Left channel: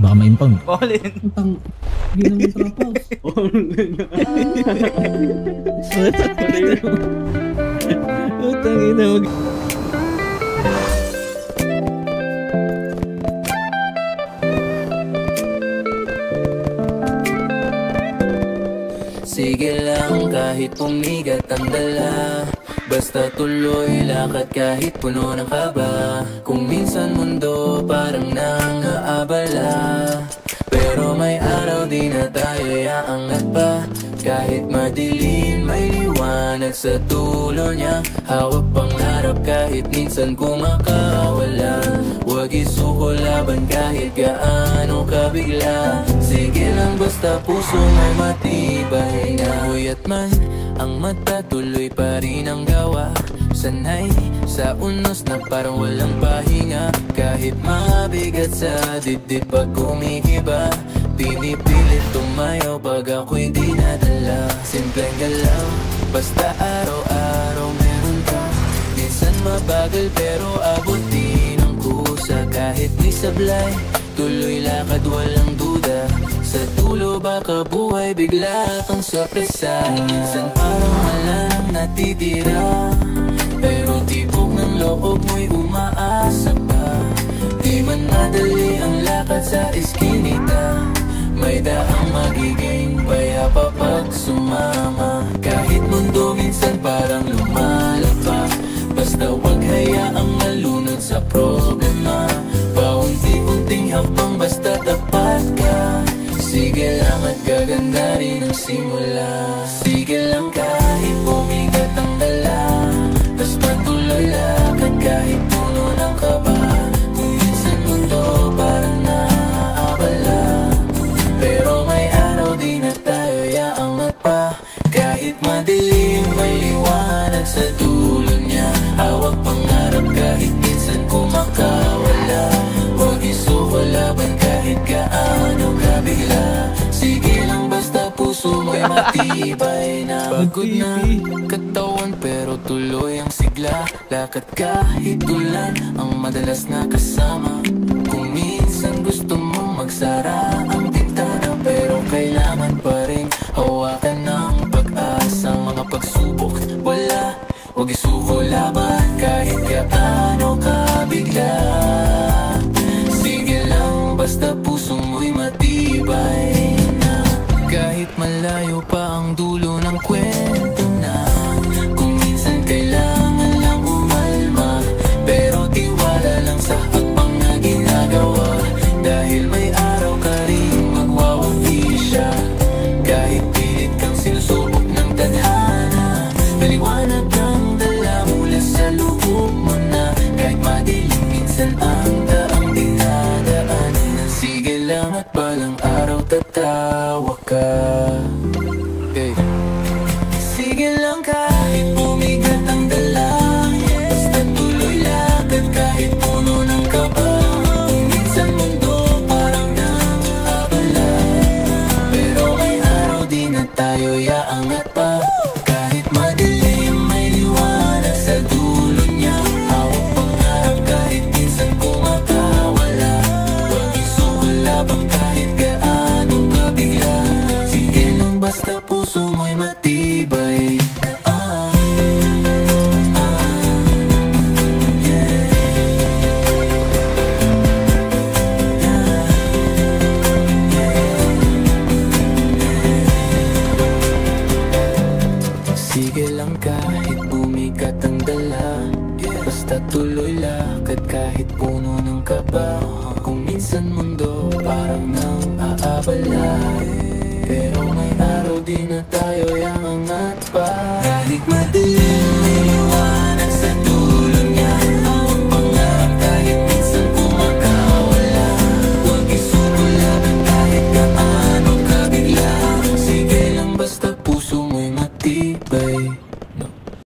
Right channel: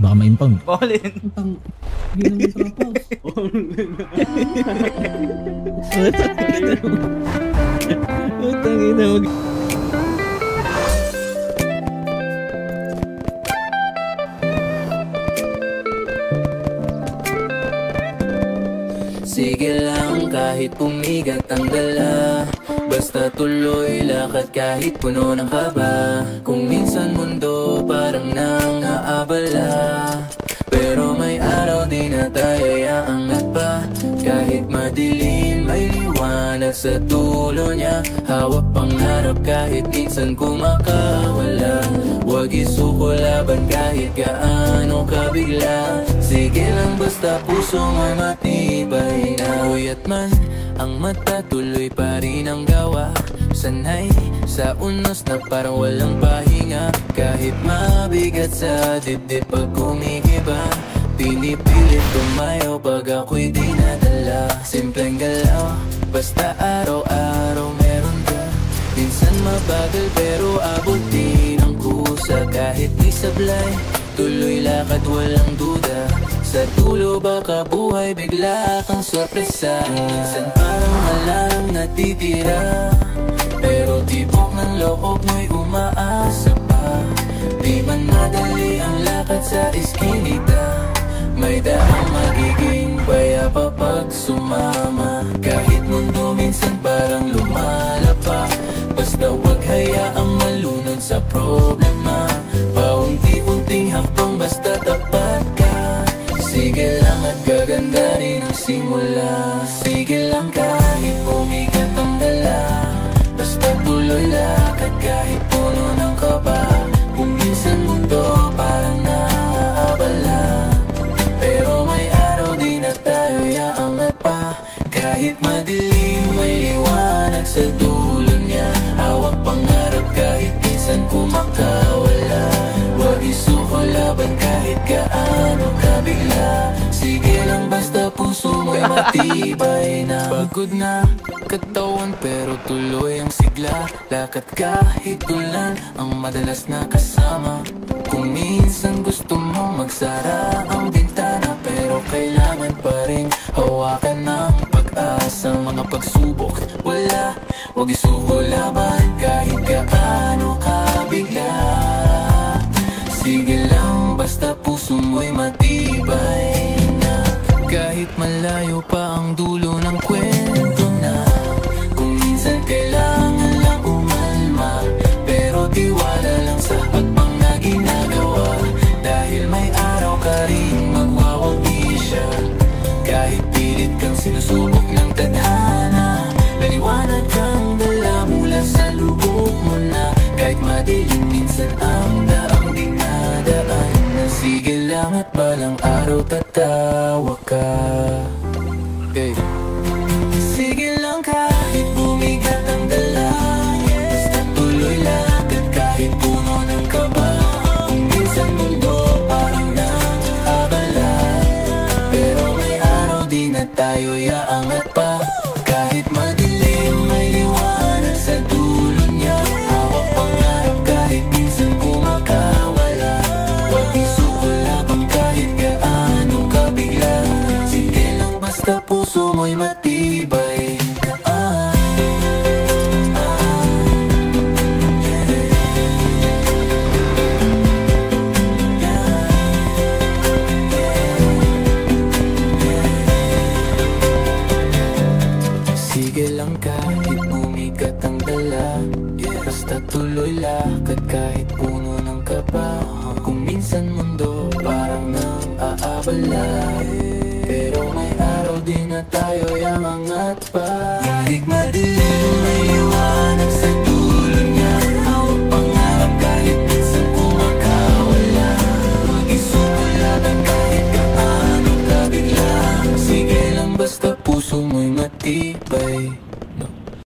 Baka ma-impound. Paulin. Utang. Ginang yung trapaus. Utang ina mag... Sige lang kahit pumigat ang dala, basta tuloy lakad kahit puno ng kaba. Kung minsan mundo parang nangaabala, pero may araw di na tayo yaangat pa. Kahit madilim may liwanag sa dulo niya. Hawak pangarap kahit minsan kumakawala. Huwag isuko laban kahit gaano kabigla. Sige lang basta puso mo matibay na. Uyat man ang mata, tuloy pa rin ang gawa. Sanay sa unos na parang walang pahinga. Kahit mabigat sa dibdib pag kumikiba, pinipilit tumayo pag ako'y di nadala. Simpleng galaw, basta araw-araw meron ka. Minsan mabagal pero abutin ang kusa. Kahit may sablay, tuloy lakad walang duda. Sa dulo baka buhay bigla kang sorpresa. Minsan parang wala nang natitira, pero tibok ng loob mo'y umaasa pa. Di man madali ang lakad sa eskinita, may daang magiging payapa pag sumama. Kahit mundo minsan parang lumalapak, basta wag hayaang malunod sa problema. Paunti-unting hakbang basta tapat ka. Sige lang at gaganda rin ang simula. Sige lang kahit bumigat ang dala, basta tuloy lakad kahit puno ng kaba. Kung minsan mundo parang naaabala, pero may araw di na tayo yaangat pa. Kahit madilim may liwanag sa dulo niya. Hawak pangarap kahit minsan kumakawala. Huwag isuko laban kahit gaano kabigla. Sige lang basta puso mo'y matibay na. Pagod na katawan pero tuloy ang sigla. Lakad kahit ulan ang madalas na kasama. Kung minsan gusto mong magsara ang bintana, pero kailangan pa rin hawakan ng pag-asa. Mga pagsubok wala, huwag isuko laban kahit gaano kabigla. Sige lang basta puso mo'y matibay na. Kahit malayo pa ang dulo ng kwento na. Kung minsan kailangan lang umalma, pero tiwala lang sa hakbang na ginagawa. Dahil may araw ka rin magwawagi siya. Kahit pilit kang sinusubok ng tadhana, maliwanag kang dala mula sa loob mo na. Kahit madilim minsan ang daang dinadaan, sige lang at balang araw tatawa ka. Okay. Sige lang kahit bumigat ang dala, basta tuloy lakad kahit puno ng kaba. Kung minsan mundo parang nang-abala, pero may araw di na tayo yaangat pa. Kahit madilim may liwanag sa dulo niya. Hawak pangarap kahit minsan kumakawala. Huwag isuko laban kahit gaano kabigla. Sige lang basta puso mo'y matibay. Sige lang kahit bumigat ang dala, basta tuloy lakad kahit puno ng kaba. Kung minsan mundo parang nang-aabala, pero may araw din na tayo yamangat pa. Kahit madilim may liwanag sa dulo niya. Hawak pangarap kahit minsan kumakawala. Huwag isuko laban kahit gaano kabigla. Sige lang basta